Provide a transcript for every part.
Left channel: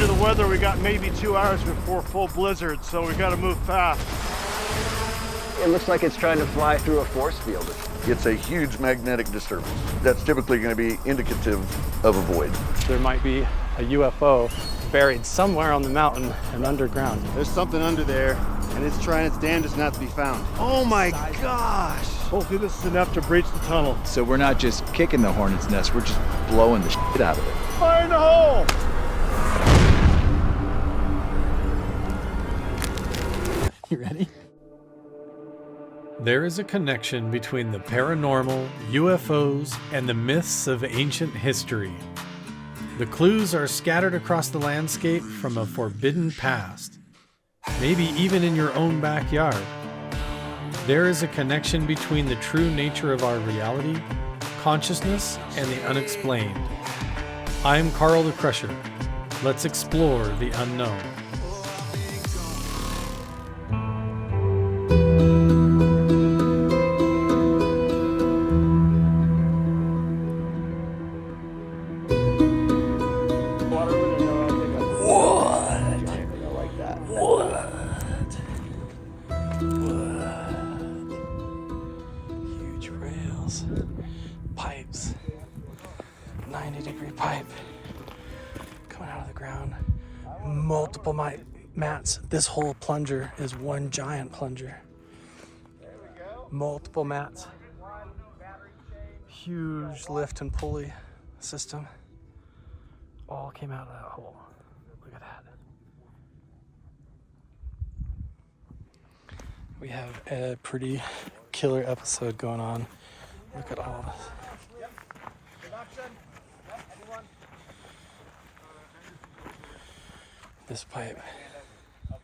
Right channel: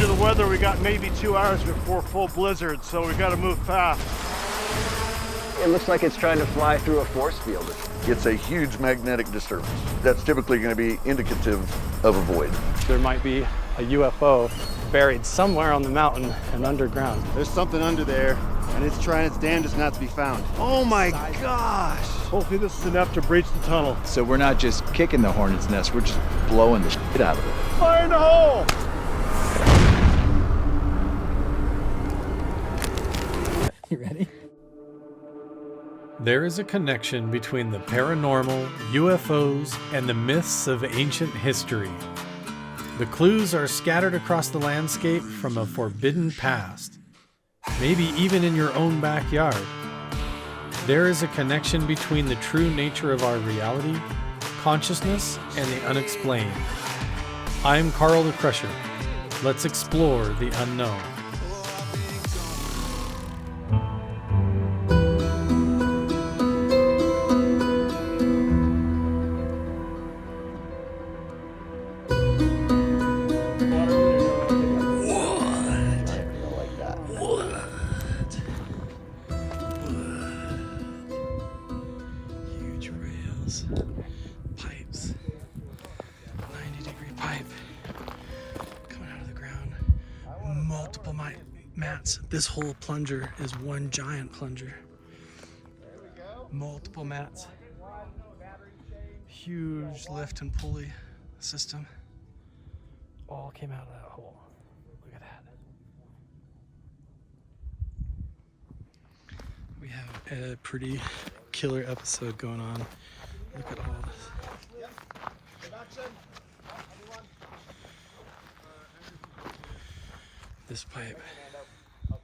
According to the weather, we got maybe 2 hours before full blizzard, so we got to move fast. It looks like it's trying to fly through a force field. It's a huge magnetic disturbance. That's typically going to be indicative of a void. There might be a UFO buried somewhere on the mountain and underground. There's something under there, and it's trying its damnedest not to be found. Oh my gosh! Hopefully this is enough to breach the tunnel. So we're not just kicking the hornet's nest, we're just blowing the shit out of it. Fire in the hole! You ready? There is a connection between the paranormal, UFOs, and the myths of ancient history. The clues are scattered across the landscape from a forbidden past, maybe even in your own backyard. There is a connection between the true nature of our reality, consciousness, and the unexplained. I'm Carl the Crusher. Let's explore the unknown. Pipes, 90-degree pipe coming out of the ground, multiple mats. This whole plunger is one giant plunger. Multiple mats, huge lift and pulley system, all came out of that hole. Look at that. We have a pretty killer episode going on. Look at all this. This pipe. Look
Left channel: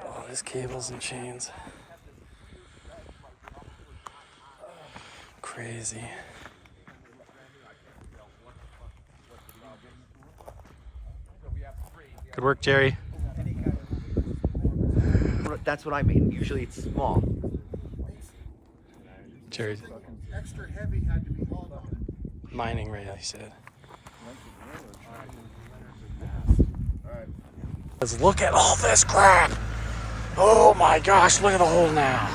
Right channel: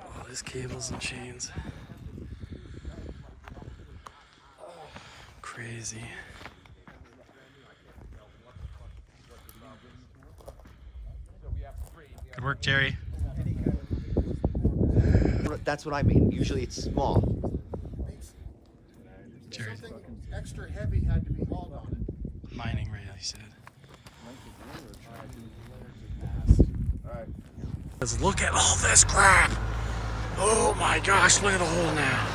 at all these cables and chains. Crazy. Good work, Jerry. That's what I mean. Usually it's small. Jerry. Extra heavy had to be hauled on it. Mining rail, he said. Let's look at all this crap. Oh my gosh, look at the hole now.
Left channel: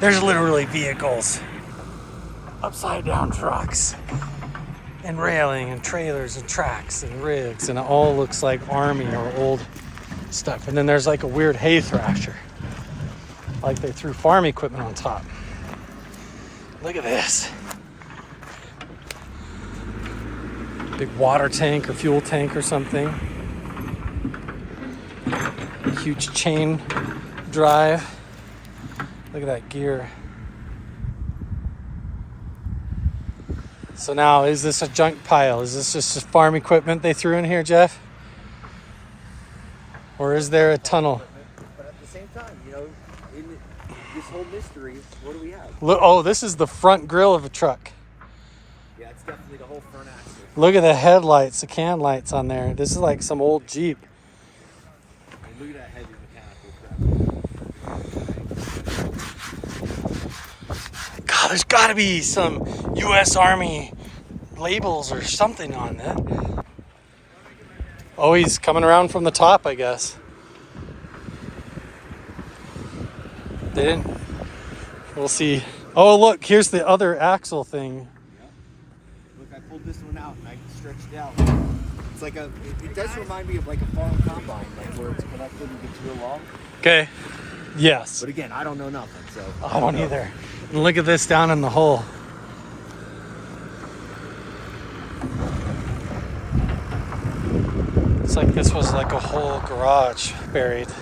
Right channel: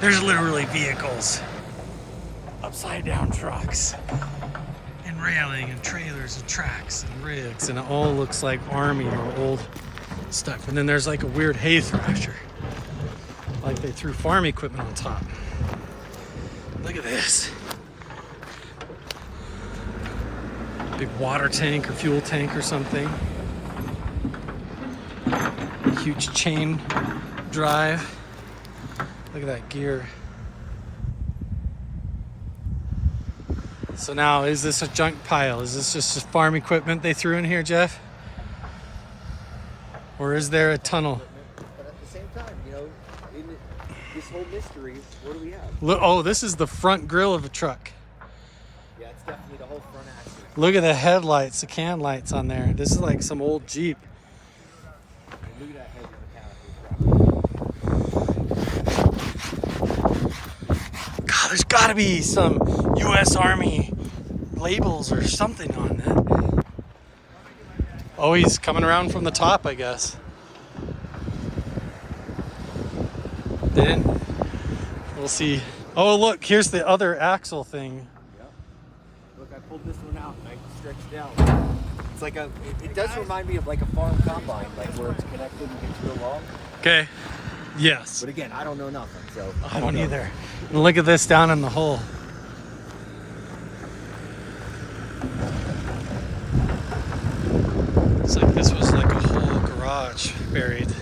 There's literally vehicles, upside down trucks, and railing and trailers and tracks and rigs, and it all looks like army or old stuff. And then there's like a weird hay thrasher, like they threw farm equipment on top. Look at this. Big water tank or fuel tank or something. Huge chain drive. Look at that gear. So now, is this a junk pile? Is this just farm equipment they threw in here, Jeff? Or is there a tunnel? But at the same time, you know, in this whole mystery, what do we have? Look, oh, this is the front grille of a truck. Yeah, it's definitely the whole front axle. Look at the headlights, the can lights on there. This is like some old Jeep. And look at that heavy mechanical crap. God, there's gotta be some U.S. Army labels or something on that. Oh, he's coming around from the top, I guess. They didn't. We'll see. Oh, look, here's the other axle thing. Yep. Look, I pulled this one out and I stretched it out. It's like it does remind me of like a farm combine, like where it's connected and gets real long. Okay. Yes. But again, I don't know nothing, so. I don't either. And look at this down in the hole. It's like this was like a whole garage buried.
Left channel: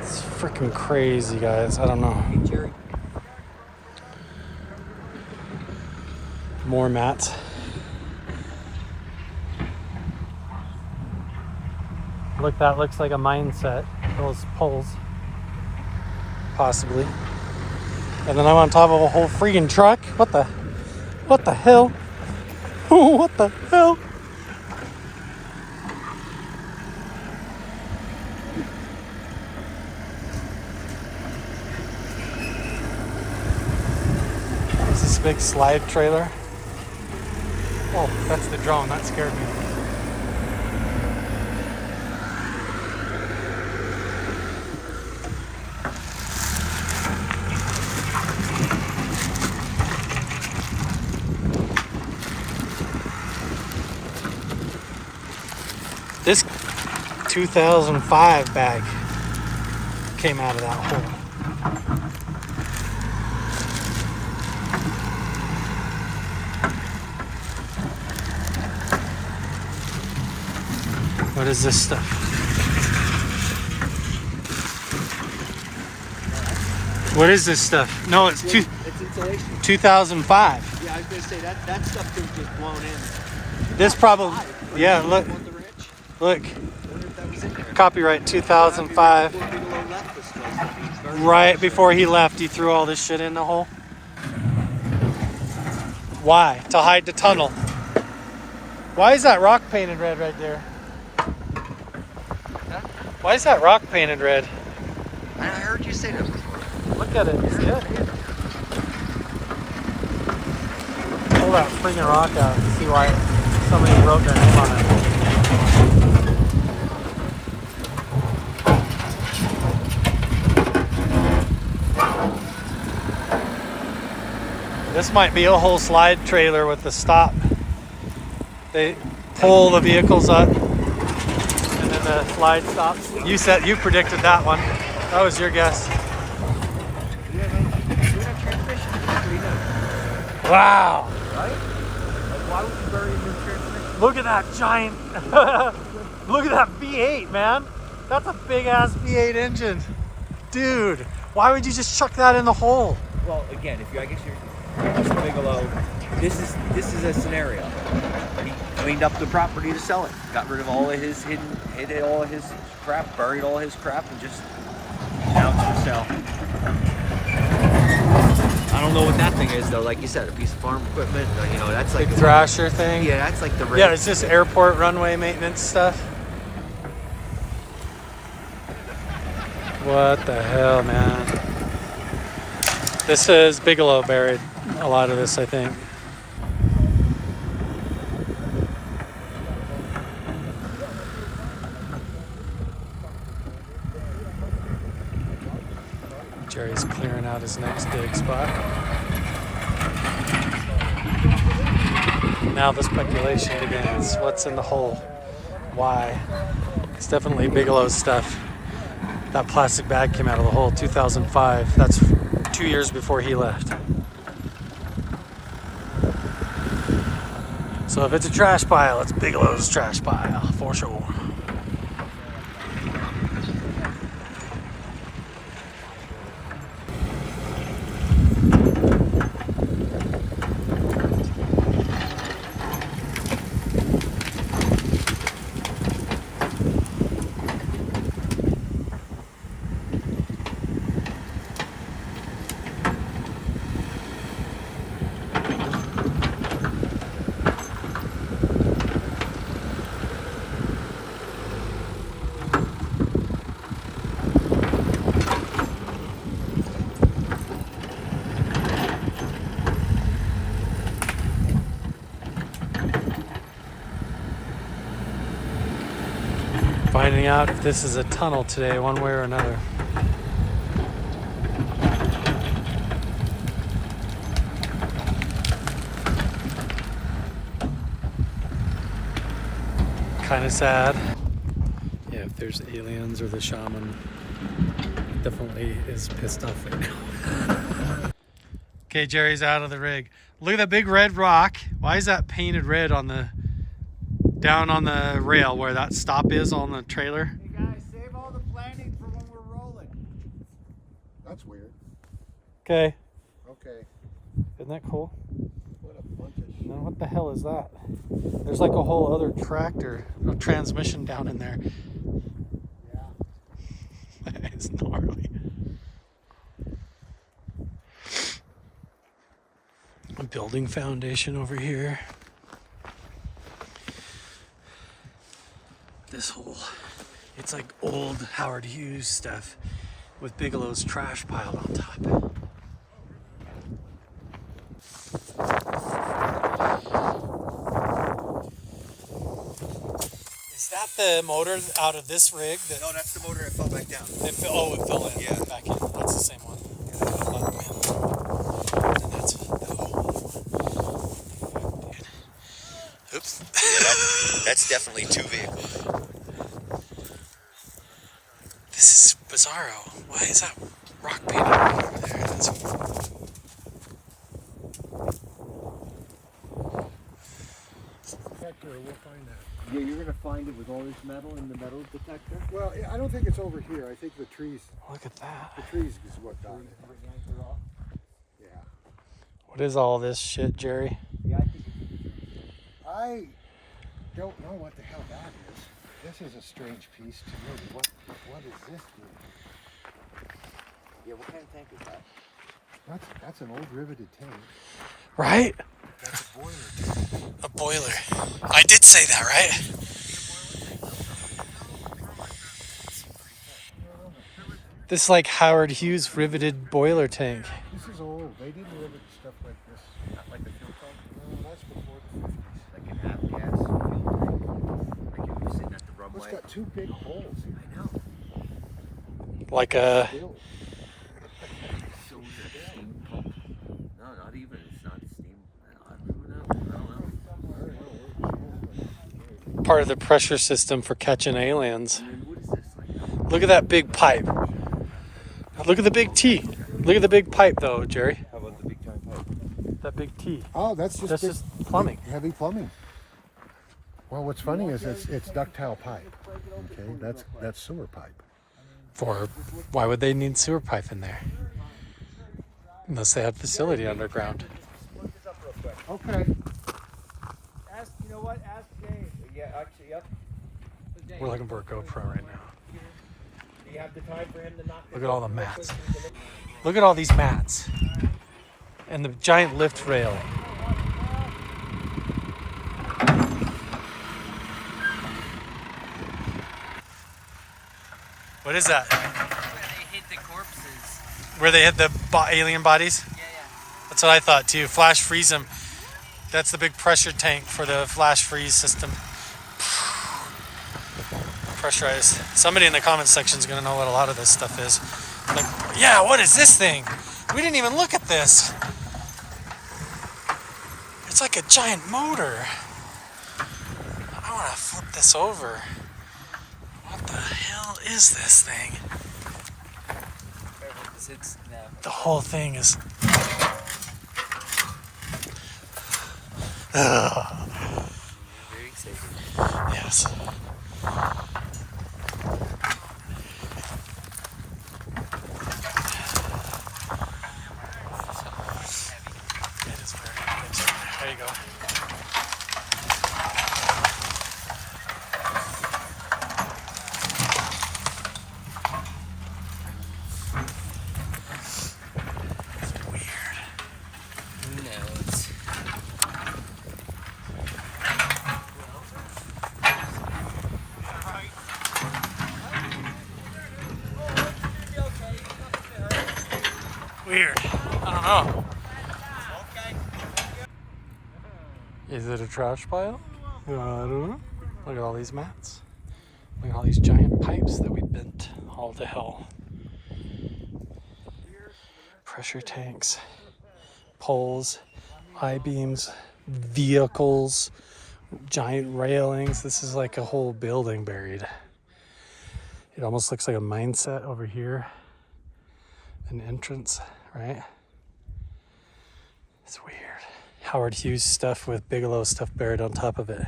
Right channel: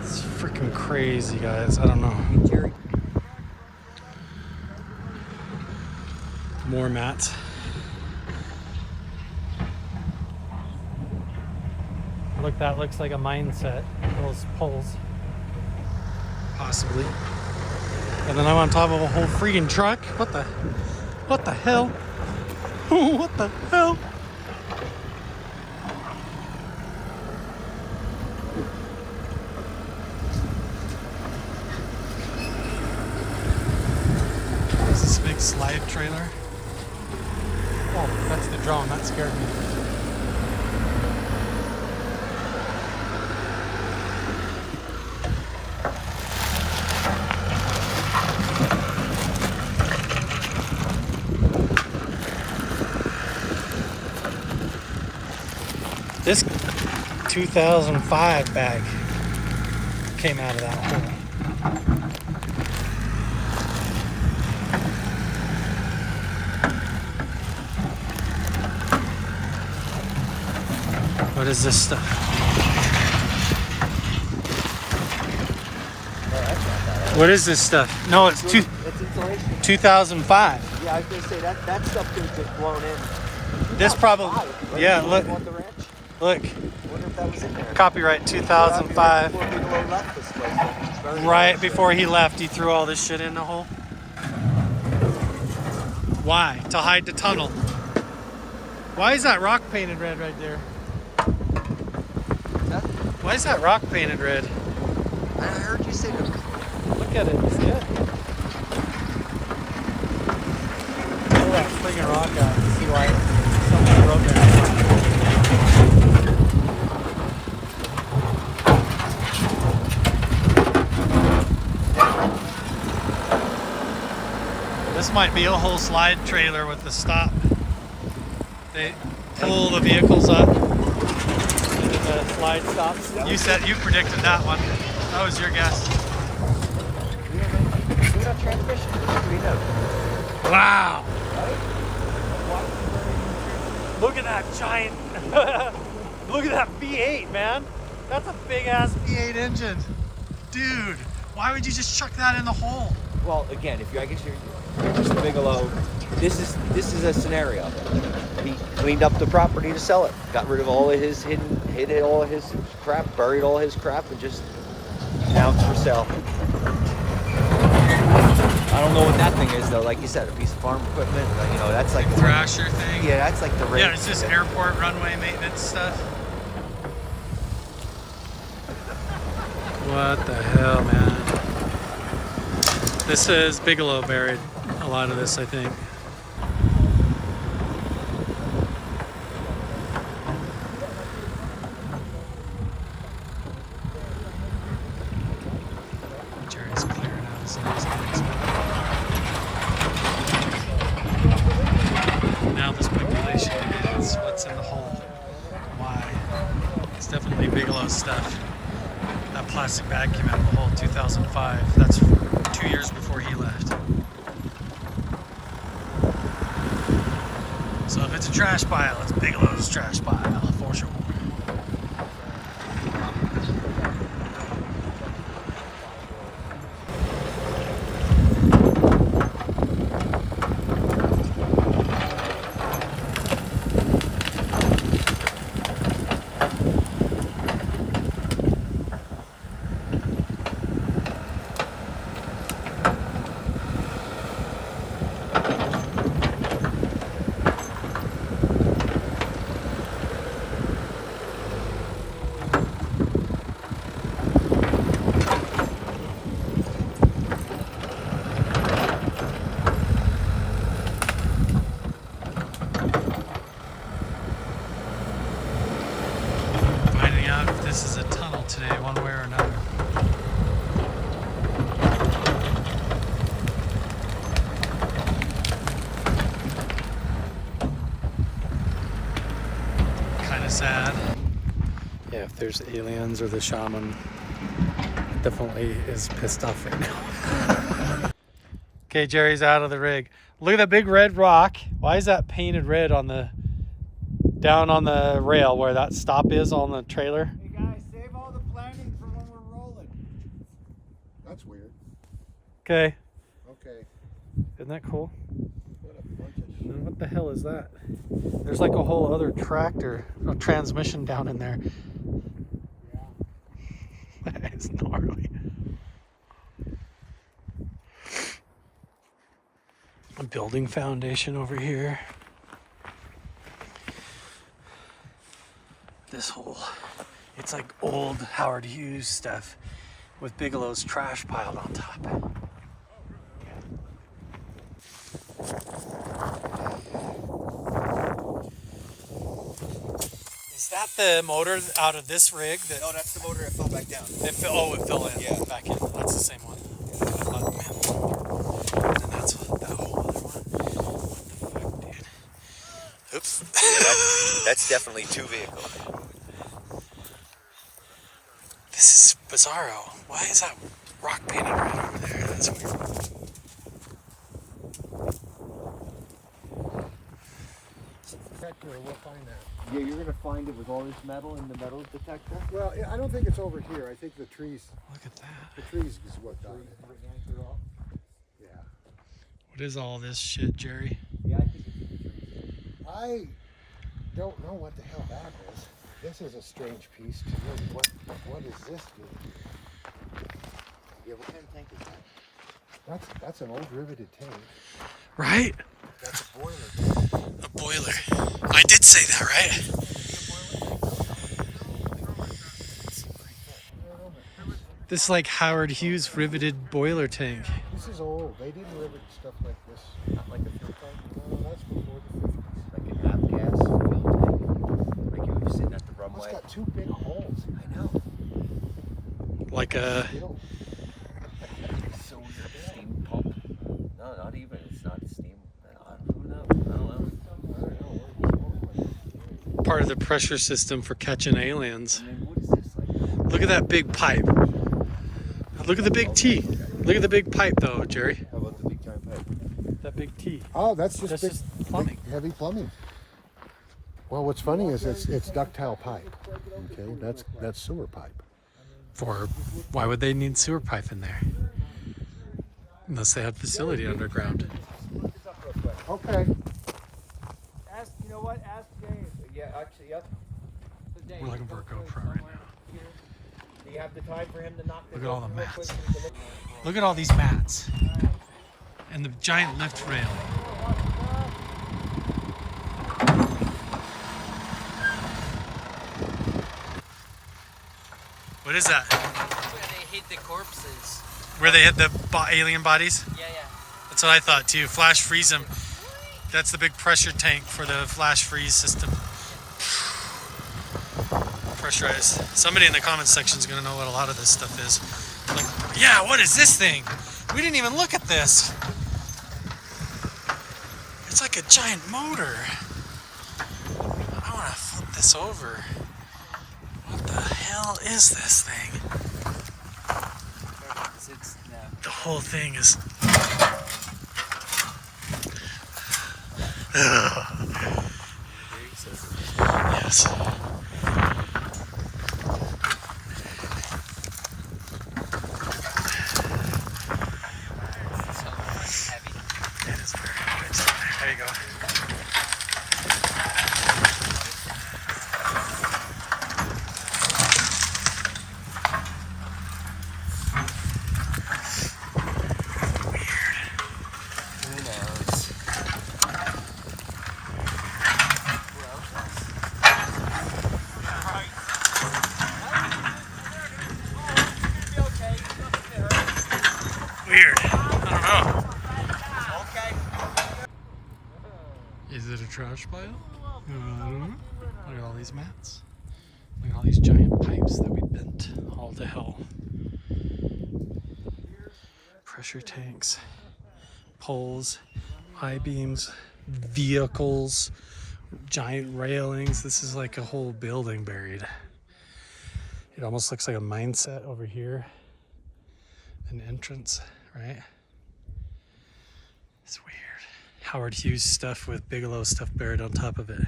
It's freaking crazy, guys. I don't know. Jerry. More mats. Look, that looks like a mine set. Those poles. Possibly. And then I'm on top of a whole freaking truck. What the hell? What the hell? Is this a big slide trailer? Oh, that's the drone. That scared me. This 2005 bag came out of that hole. What is this stuff? What is this stuff? No, it's It's insulation. 2005. Yeah, I was gonna say that stuff could have been blown in. This probably, yeah, look, On the ranch. look, I wonder if that was in there. copyright 2005. Before Bigelow left this place. Right before he left, he threw all this shit in the hole. Why? To hide the tunnel. Why is that rock painted red right there? Why is that rock painted red? I heard you say that. Look at it, it's good. Pull that friggin' rock out and see why somebody wrote that. This might be a whole slide trailer with the stop. They pull the vehicles up and then the slide stops. You predicted that one. That was your guess. Wow. Look at that giant, look at that V8, man. That's a big ass V8 engine. Dude, why would you just chuck that in the hole? Well, again, I guess you're Mr. Bigelow, this is a scenario. He cleaned up the property to sell it. Got rid of all of his hid all of his crap, buried all his crap, and just now it's for sale. I don't know what that thing is though. Like you said, a piece of farm equipment. You know, that's like Big Thrasher thing. Yeah, that's like the Yeah, it's just airport runway maintenance stuff. What the hell, man? This is Bigelow buried a lot of this, I think. Jerry's clearing out his next dig spot. Now the speculation begins. What's in the hole? Why? It's definitely Bigelow's stuff. That plastic bag came out of the hole 2005. That's 2 years before he left. So if it's a trash pile, it's Bigelow's trash pile, for sure. Finding out if this is a tunnel today, one way or another. Kind of sad. Yeah, if there's aliens or the shaman, definitely is pissed off right now. Okay, Jerry's out of the rig. Look at that big red rock. Why is that painted red on the down on the rail where that stop is on the trailer? Hey guys, save all the planning for when we're rolling. That's weird. Okay. Okay. Isn't that cool? What a bunch of shit. And what the hell is that? There's like a whole other tractor, a transmission down in there. Yeah. That is gnarly. A building foundation over here. This whole, it's like old Howard Hughes stuff with Bigelow's trash piled on top. that the motor out of this rig? No, that's the motor that fell back down. It fell in. Yeah. Back in. That's the same one. And that's that whole other one. Fuck, dude. Oops. That's definitely 2 vehicles. This is bizarro. Why is that rock painted right over there? That's weird. We'll find that. Yeah, you're gonna find it with all this metal in the metal detector. Well, I don't think it's over here. I think the trees. Look at that. The trees is what got it. Yeah. What is all this shit, Jerry? Yeah, I think I don't know what the hell that is. This is a strange piece to me. What is this doing? Yeah, what kind of tank is that? That's an old riveted tank. Right? That's a boiler. A boiler. I did say that, right? This like Howard Hughes riveted boiler tank. This is old. They didn't rivet stuff like this. Not like a fuel tank? No, that's before the 50s. Like an avgas fuel tank? Like you were sitting at the runway? It's got 2 big holes in it. I know. Like a Built. So steam pump? No, not even. It's not steam. Who knows? I don't know. part of the pressure system for catching aliens. I mean, what is this? Like, Look at that big pipe. Look at the big T. Look at the big pipe though, Jerry. how about the big time pipe? That big T. Oh, that's just That's big, just plumbing. heavy plumbing. Well, what's funny is it's ductile pipe. Okay, that's sewer pipe. For why would they need sewer pipe in there? Unless they have facility underground. Look this up real quick. Okay. Ask, you know what? Ask Dave. Yeah, actually, yep. We're looking for a GoPro right now. Do you have the time for him to knock this Look at all over the real mats. quick so we can look? Look at all these mats. And the giant lift railing. What is that? Where they hid the corpses. Where they hit the alien bodies? Yeah. That's what I thought too. Flash freeze them. That's the big pressure tank for the flash freeze system. Pressurized. Somebody in the comments section is going to know what a lot of this stuff is. Like, yeah, what is this thing? We didn't even look at this. It's like a giant motor. I want to flip this over. What the hell is this thing? The whole thing is... Ugh. Yes. It is very big. There you go. Weird. I don't know. Is it a trash pile? I don't know. Look at all these mats. Look at all these giant pipes that we bent all to hell. Pressure tanks, poles, I-beams, vehicles, giant railings. This is like a whole building buried. It almost looks like a mine set over here. An entrance, right? It's weird. Howard Hughes stuff with Bigelow stuff buried on top of it.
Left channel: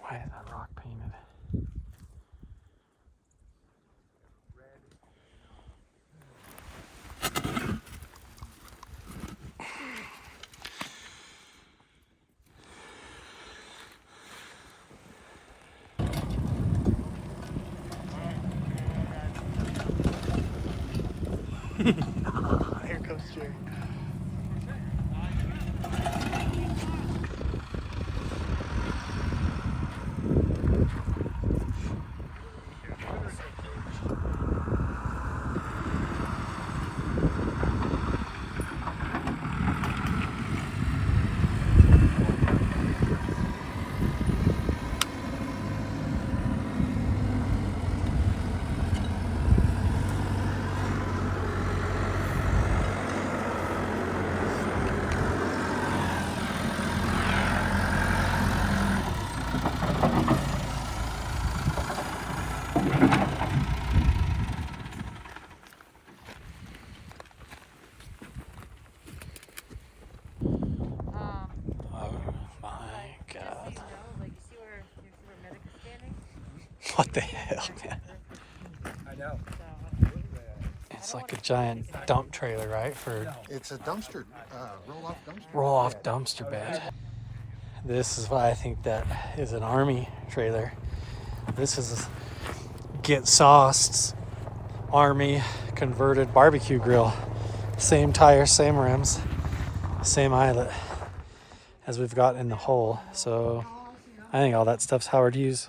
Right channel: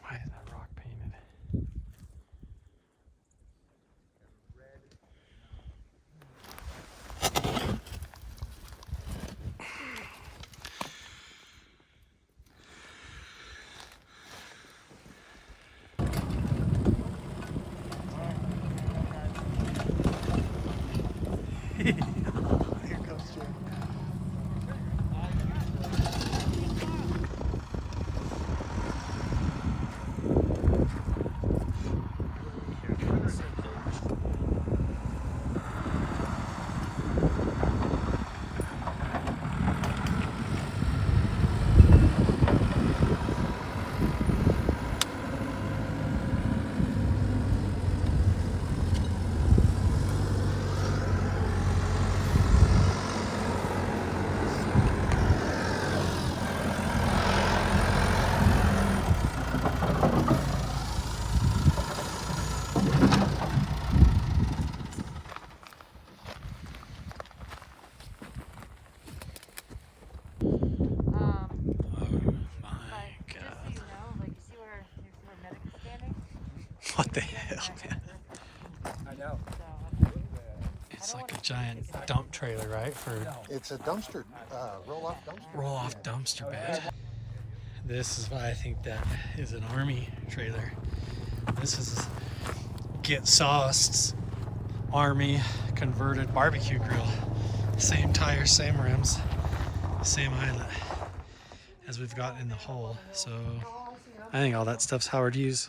Why is that rock painted? Here comes Jerry. What the hell, man? It's like a giant dump trailer, right? For It's a dumpster, roll-off dumpster. roll-off dumpster bed. This is why I think that is an army trailer. This is Get Sauced's army converted barbecue grill. Same tires, same rims, same eyelet as we've got in the hole. So I think all that stuff's Howard Hughes.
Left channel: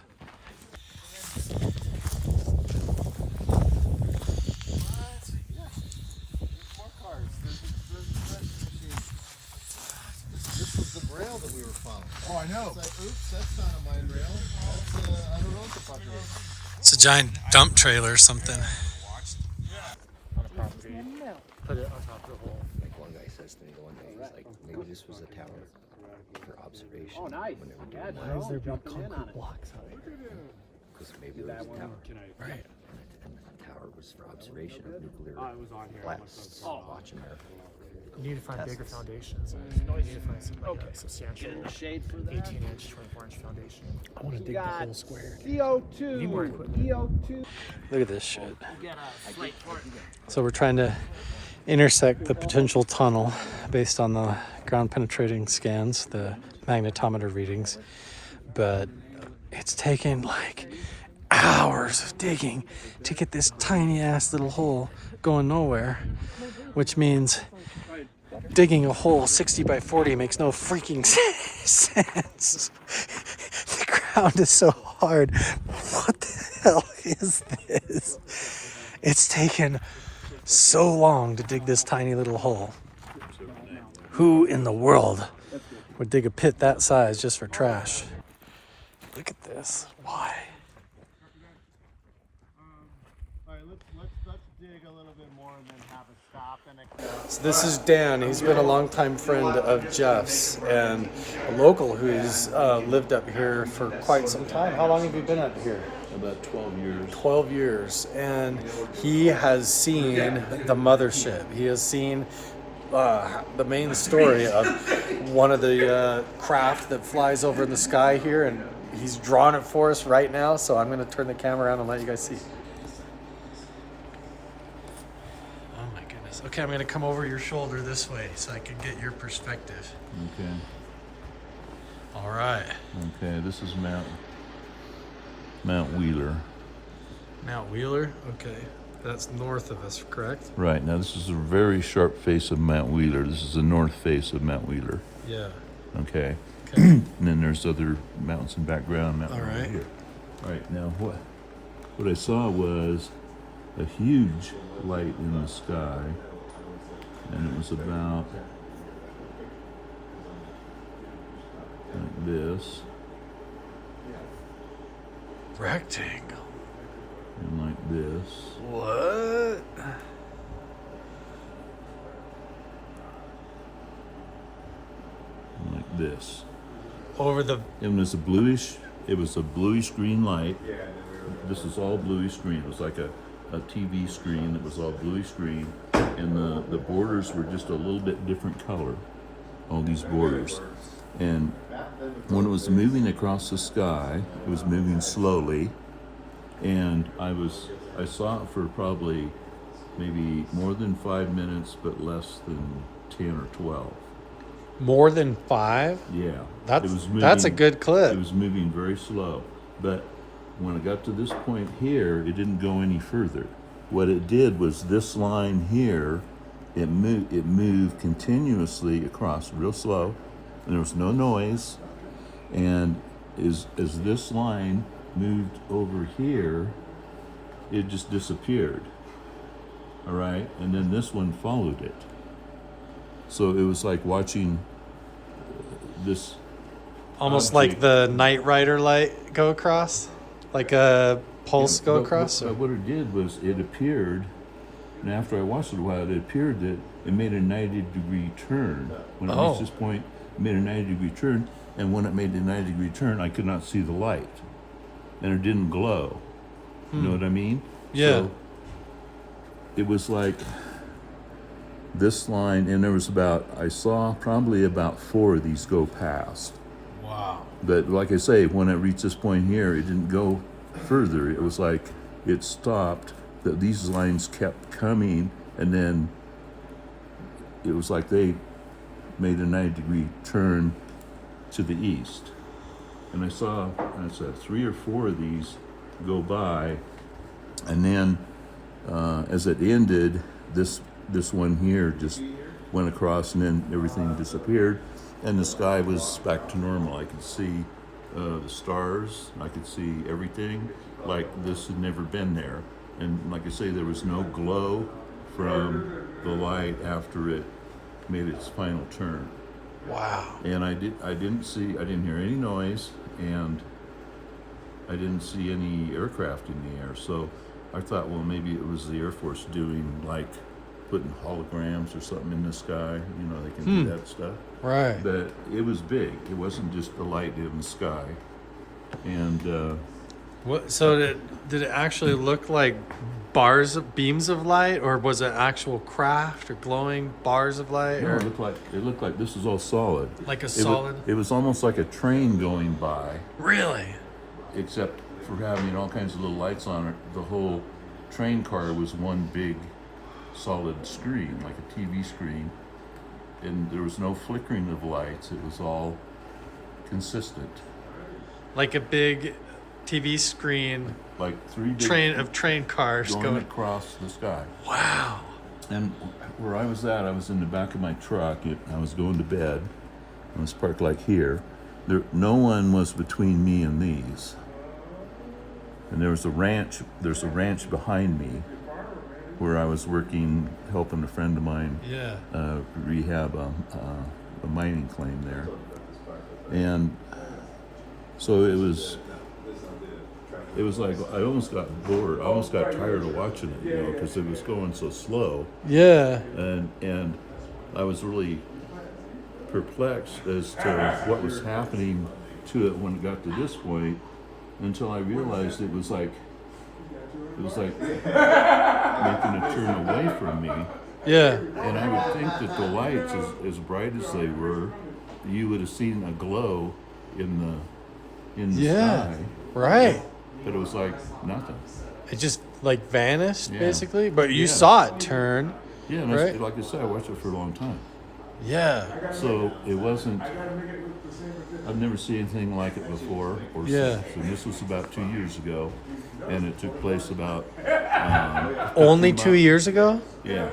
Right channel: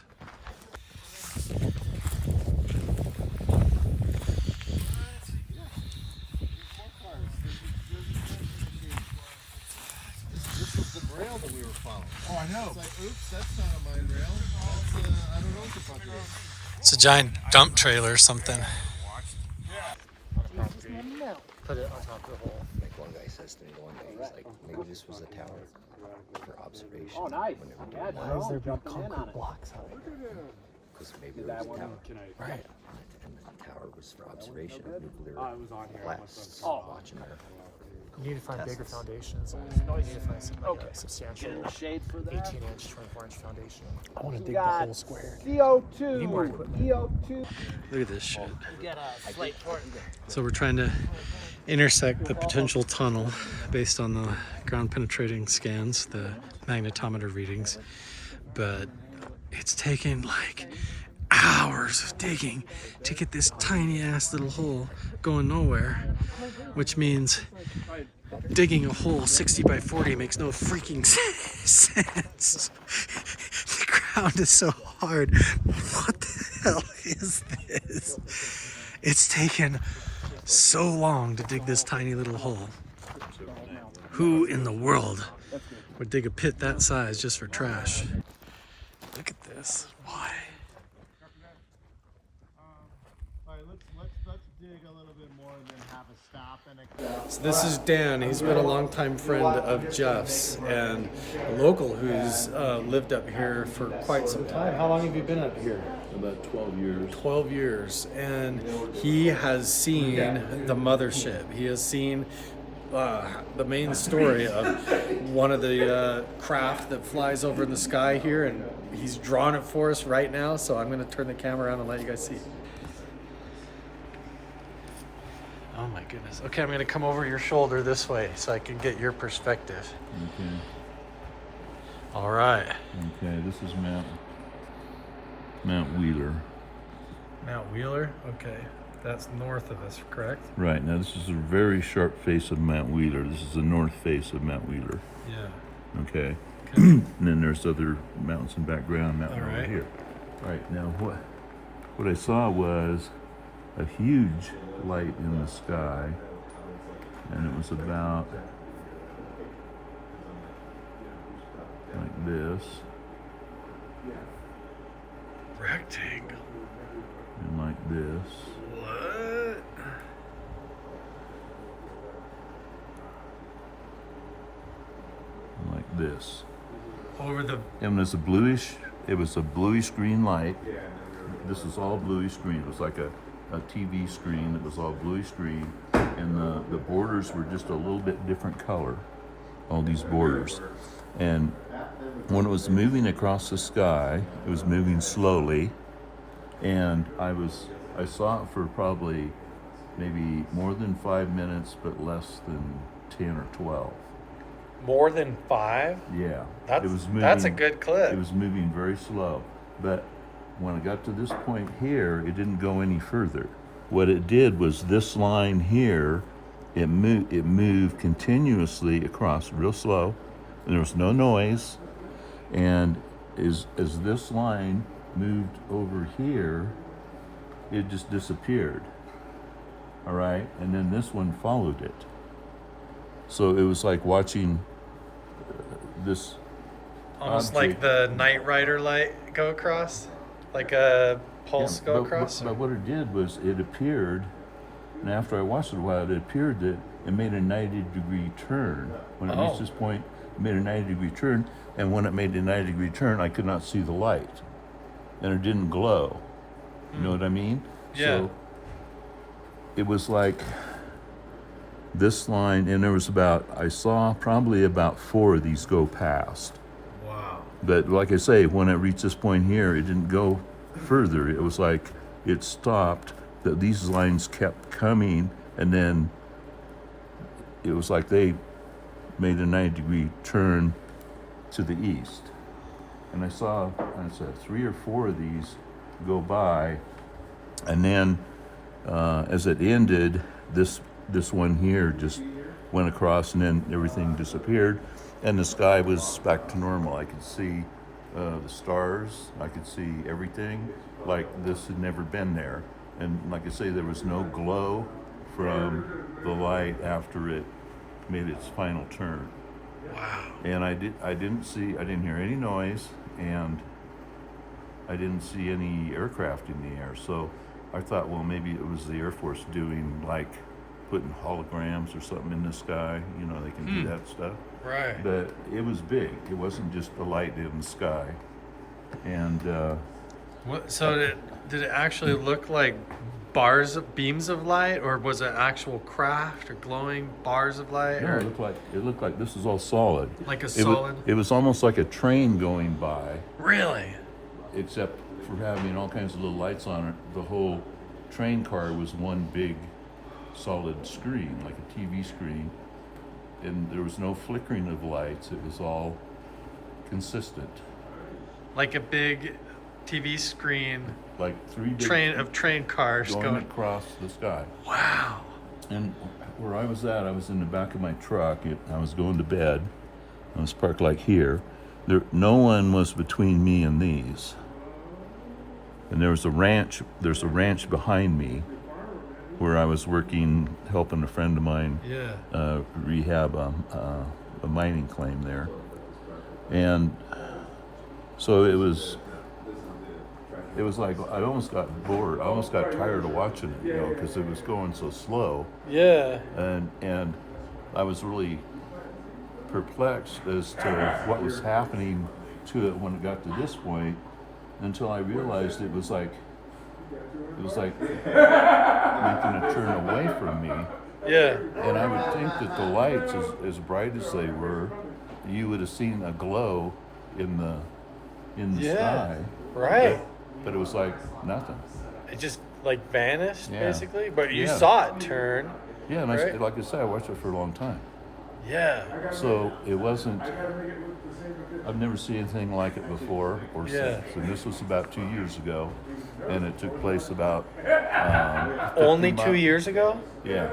This was the rail that we were following. Oh, I know. It's like, oops, that's not a mine rail. That's, I don't know what the fuck it is. It's a giant dump trailer or something. Put it on top of the hole. Like one guy says to me one day, he's like, maybe this was a tower for observation. Oh, nice. Why is there big concrete blocks out here? Because maybe it was a tower. Right. And the tower was for observation of nuclear blasts. Watching that. You need to find bigger foundations. You need to find some like a substantial 18-inch, 24-inch foundation. I want to dig the whole square. You need more equipment. Look at this shit. So we're trying to intersect the potential tunnel based on the ground penetrating scans, the magnetometer readings, but it's taken like hours of digging to get this tiny ass little hole going nowhere, which means digging a hole 60 by 40 makes no freaking sense. The ground is so hard. What the hell is this? It's taken so long to dig this tiny little hole. Who in the world would dig a pit that size just for trash? Look at this. Why? Let's dig a little bit more and then have a stop and So this is Dan. He's been a longtime friend of Jeff's and a local who's lived up here for quite some time. How long have you been up here? About 12 years. 12 years. And he has seen the mothership. He has seen the main story of one of the craft that flies over in the sky here, and he's drawn it for us right now, so I'm going to turn the camera around and let you guys see. Oh my goodness. Okay, I'm going to come over your shoulder this way so I can get your perspective. Okay. All right. Okay, this is Mount Wheeler. Mount Wheeler? Okay. That's north of us, correct? Right, now this is a very sharp face of Mount Wheeler. This is the north face of Mount Wheeler. Yeah. Okay. And then there's other mountains in background, mountain All over right. here. All right, now what I saw was a huge light in the sky, and it was about like this. Rectangle. And like this. What? And like this. Over the... It was a bluish green light. This was all bluish green. It was like a TV screen that was all bluish green, and the borders were just a little bit different color, all these borders. And when it was moving across the sky, it was moving slowly, and I saw it for probably maybe more than 5 minutes, but less than 10 or 12. More than 5? Yeah. That's, it was moving, that's a good clip. It was moving very slow. But when I got to this point here, it didn't go any further. What it did was this line here, it moved continuously across real slow. And there was no noise. And as this line moved over here, it just disappeared. All right? And then this one followed it. So it was like watching this almost object. like the Knight Rider light go across, like a pulse go across. But what it did was it appeared, and after I watched it a while, it appeared that it made a 90-degree turn. When it reached this point, it made a 90-degree turn, and when it made the 90-degree turn, I could not see the light, and it didn't glow. You know what I mean? Yeah. So it was like this line, and there was I saw probably about 4 of these go past. Wow. But like I say, when it reached this point here, it didn't go further. It was like it stopped, that these lines kept coming, and then it was like they made a 90-degree turn to the east. And I saw 3 or 4 of these go by, and then as it ended, this one here just went across, and then everything disappeared, and the sky was back to normal. I could see the stars, I could see everything like this had never been there. And like I say, there was no glow from the light after it made its final turn. Wow. And I didn't hear any noise, and I didn't see any aircraft in the air. So I thought, well, maybe it was the Air Force doing, like, putting holograms or something in the sky. You know, they can do that stuff. Right. But it was big. It wasn't just a light in the sky. And What? So did it actually look like beams of light, or was it actual craft or glowing bars of light? no, or it looked like this is all solid. like a It solid? it was almost like a train going by, Really? except for having all kinds of little lights on it. The whole train car was one big solid screen, like a TV screen, and there was no flickering of lights. It was all consistent, Like a big TV screen like 3 big train cars going across the sky. Wow. And where I was at, I was in the back of my truck. I was going to bed, and it's parked like here. No one was between me and these. And there's a ranch behind me where I was working, helping a friend of mine rehab a mining claim there. And so it was like I almost got bored. I almost got tired of watching it, you know, because it was going so slow. Yeah. And I was really perplexed as to what was happening to it when it got to this point, until I realized it was like making a turn away from me. Yeah. And I would think that the lights, as bright as they were, you would have seen a glow in the sky. Right. But it was like nothing. It just like vanished, Yeah. basically. But you Yeah. saw it turn. Yeah, and Right. like I said, I watched it for a long time. Yeah. So it wasn't, I've never seen anything like it before or Yeah. since. And this was about 2 years ago, and it took place about 50 Only 2 mi- years ago? Yeah.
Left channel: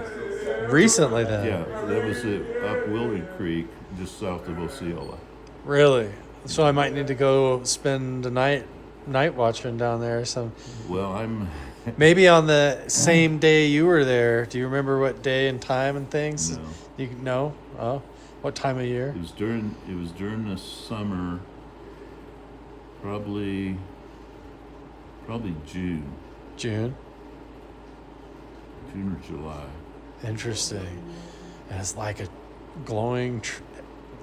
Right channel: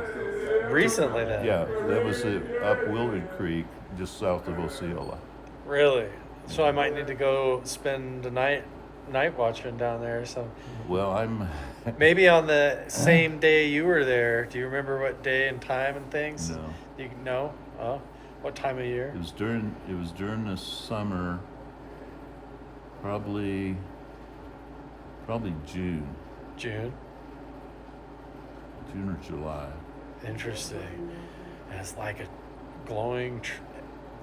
Recently then? Yeah, that was up Willard Creek, just south of Osceola. Really? So I might need to go spend a night watching down there. So Well, I'm maybe on the same day you were there. Do you remember what day and time and things? No. You know? Oh, what time of year? It was during the summer, probably June June. or July. Interesting. And it's like a glowing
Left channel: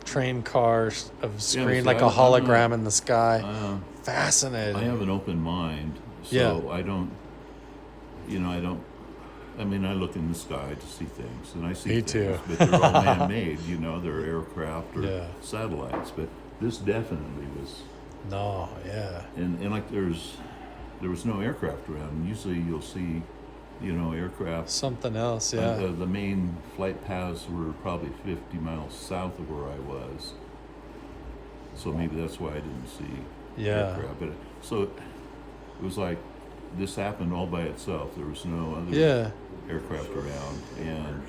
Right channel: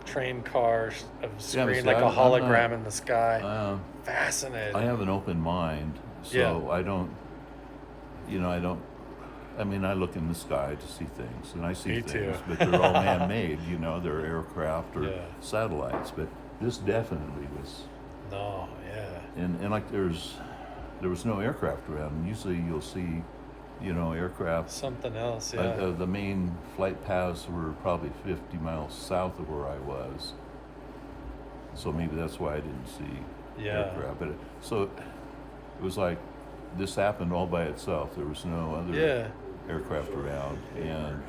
train car of Yeah, screen, see, like a I'm hologram not- in the sky. Fascinating. I have an open mind, so Yeah. I don't. I mean, I look in the sky to see things, and I see Me things, too. but they're all man-made. You know, they're aircraft or Yeah. satellites. But this definitely was. No, yeah. And like there was no aircraft around. And usually you'll see, you know, aircraft. Something else, yeah. The main flight paths were probably 50 miles south of where I was. So maybe that's why I didn't see aircraft. But it was like this happened all by itself. There was no other aircraft around, and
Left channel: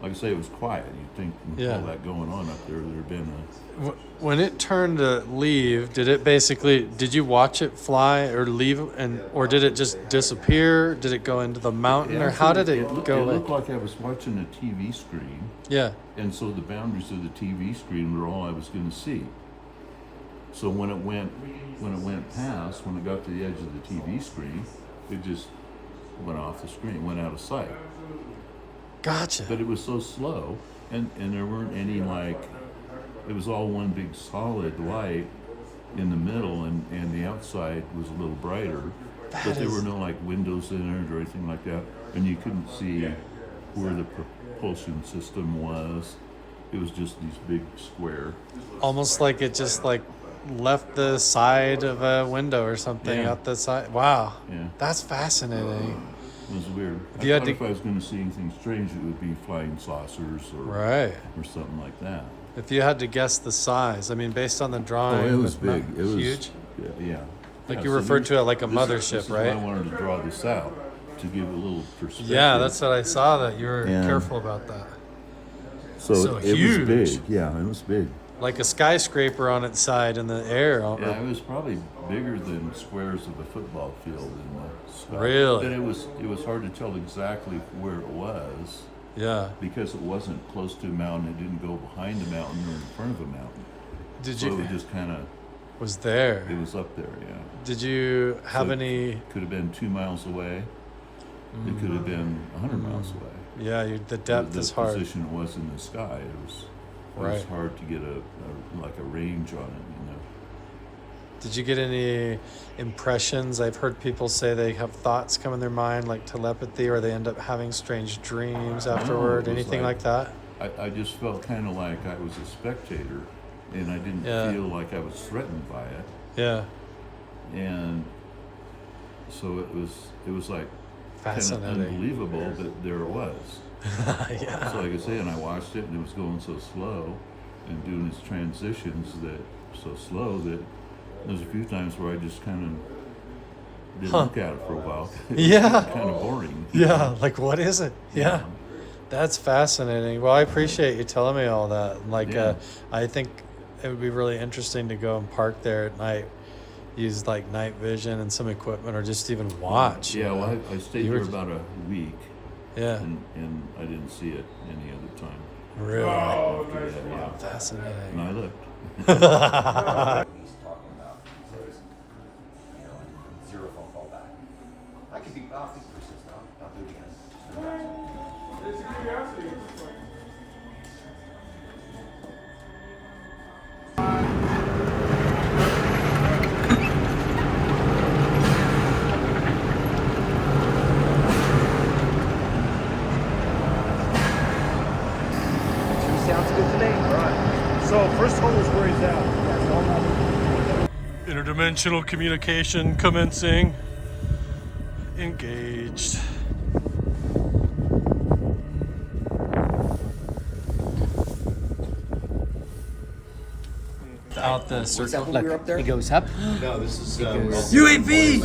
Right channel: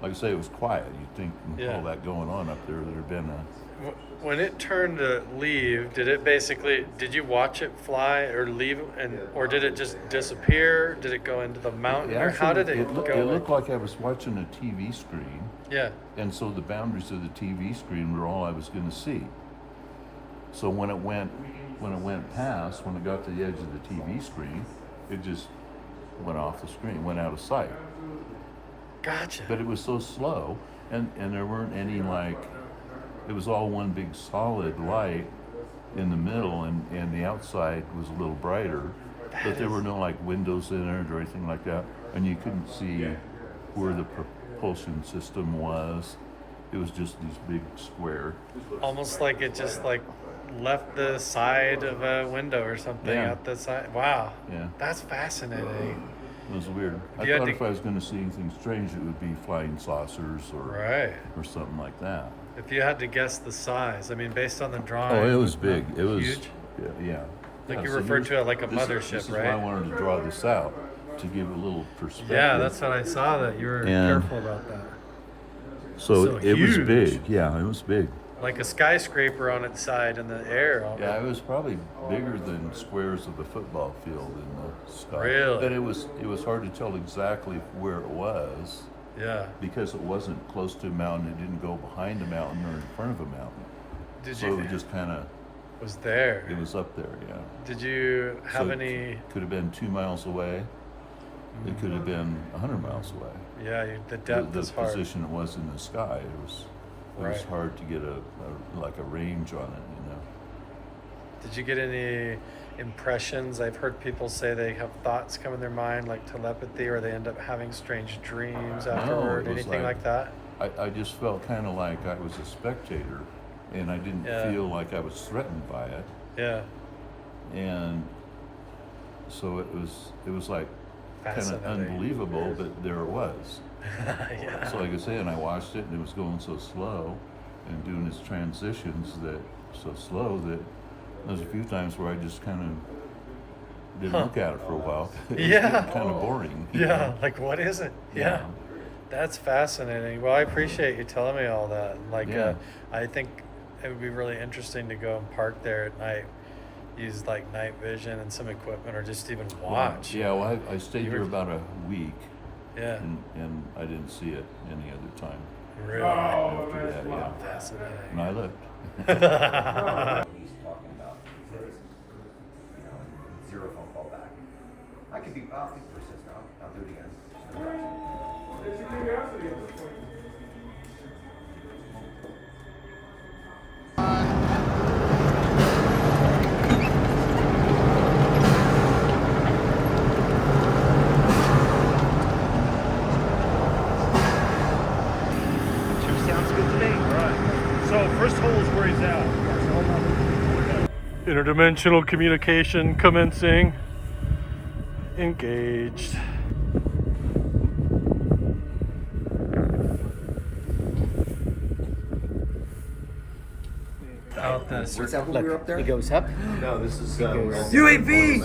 like I say, it was quiet. You'd think with all that going on up there, there'd been a. When it turned to leave, did you watch it fly or leave, or did it just disappear? Did it go into the mountain, or how did it go? It looked like I was watching a TV screen. Yeah. And so the boundaries of the TV screen were all I was going to see. So when it went past, when it got to the edge of the TV screen, it just went off the screen, went out of sight. Gotcha. But it was so slow, and there weren't any it was all one big solid light in the middle, and the outside was a little brighter, but there were no windows in it or anything like that, and you couldn't see where the propulsion system was. It was just these big square. Almost like it just left the side of a window or something Yeah. out the side. Wow. Yeah. That's fascinating. It was weird. I You had thought to- if I was going to see anything strange, it would be flying saucers Right. or something like that. If you had to guess the size, I mean, based on the Oh, drawing. it was big. It was huge. Yeah. Like Yeah, you so referred there's- to it like a this mothership, is right? why I wanted to draw this out to give a little perspective. Yeah, that's what I saw. That you were Yeah. careful about that. So it huge. was big. Yeah, it was big. Like a skyscraper on its side in the air. Yeah, it was probably bigger than squares of the football field in the sky. Really? But it was hard to tell exactly where it was. Yeah. Because it wasn't close to a mountain. It didn't go behind a mountain or in front of a mountain. Did so you? it was just kind of. Was there? It was up there, yeah. Did you have So any? Could have been 2 miles away. It could have been 100 miles away. Yeah, the depth The is hard. position it was in the sky, it was Right. hard to get a range on it, you know. Did you get any impressions? I've heard people say they have thoughts come in their mind, like telepathy, or they end up having strange dreams afterward. it was Anything like that? I just felt kind of like I was a spectator, and I didn't Yeah. feel like I was threatened by it. Yeah. And so it was like kind of Fascinating. unbelievable, but there it was. Yeah. So like I say, and I watched it, and it was going so slow, and doing its transitions that so slow that there's a few times where I just kind of didn't look at it for a while. It was Yeah. kind of boring. Yeah, like what is it? Yeah. Yeah. That's fascinating. Well, I appreciate you telling me all that. Like, Yeah. I think it would be really interesting to go and park there at night, use like night vision and some equipment, or just even watch. Yeah, well, I stayed You there were- about a week, Yeah. and I didn't see it any other time. Really? After that, yeah. Fascinating. And I looked. He's talking about says, you know, zero phone call back. I could be awfully persistent. I'll do it again. It's a curiosity at this point. Sounds good to me. So first hole is where he's at. Interdimensional communication commencing. Engaged. Out the Was that circle. when we were up there? It goes up. No, this is UAV!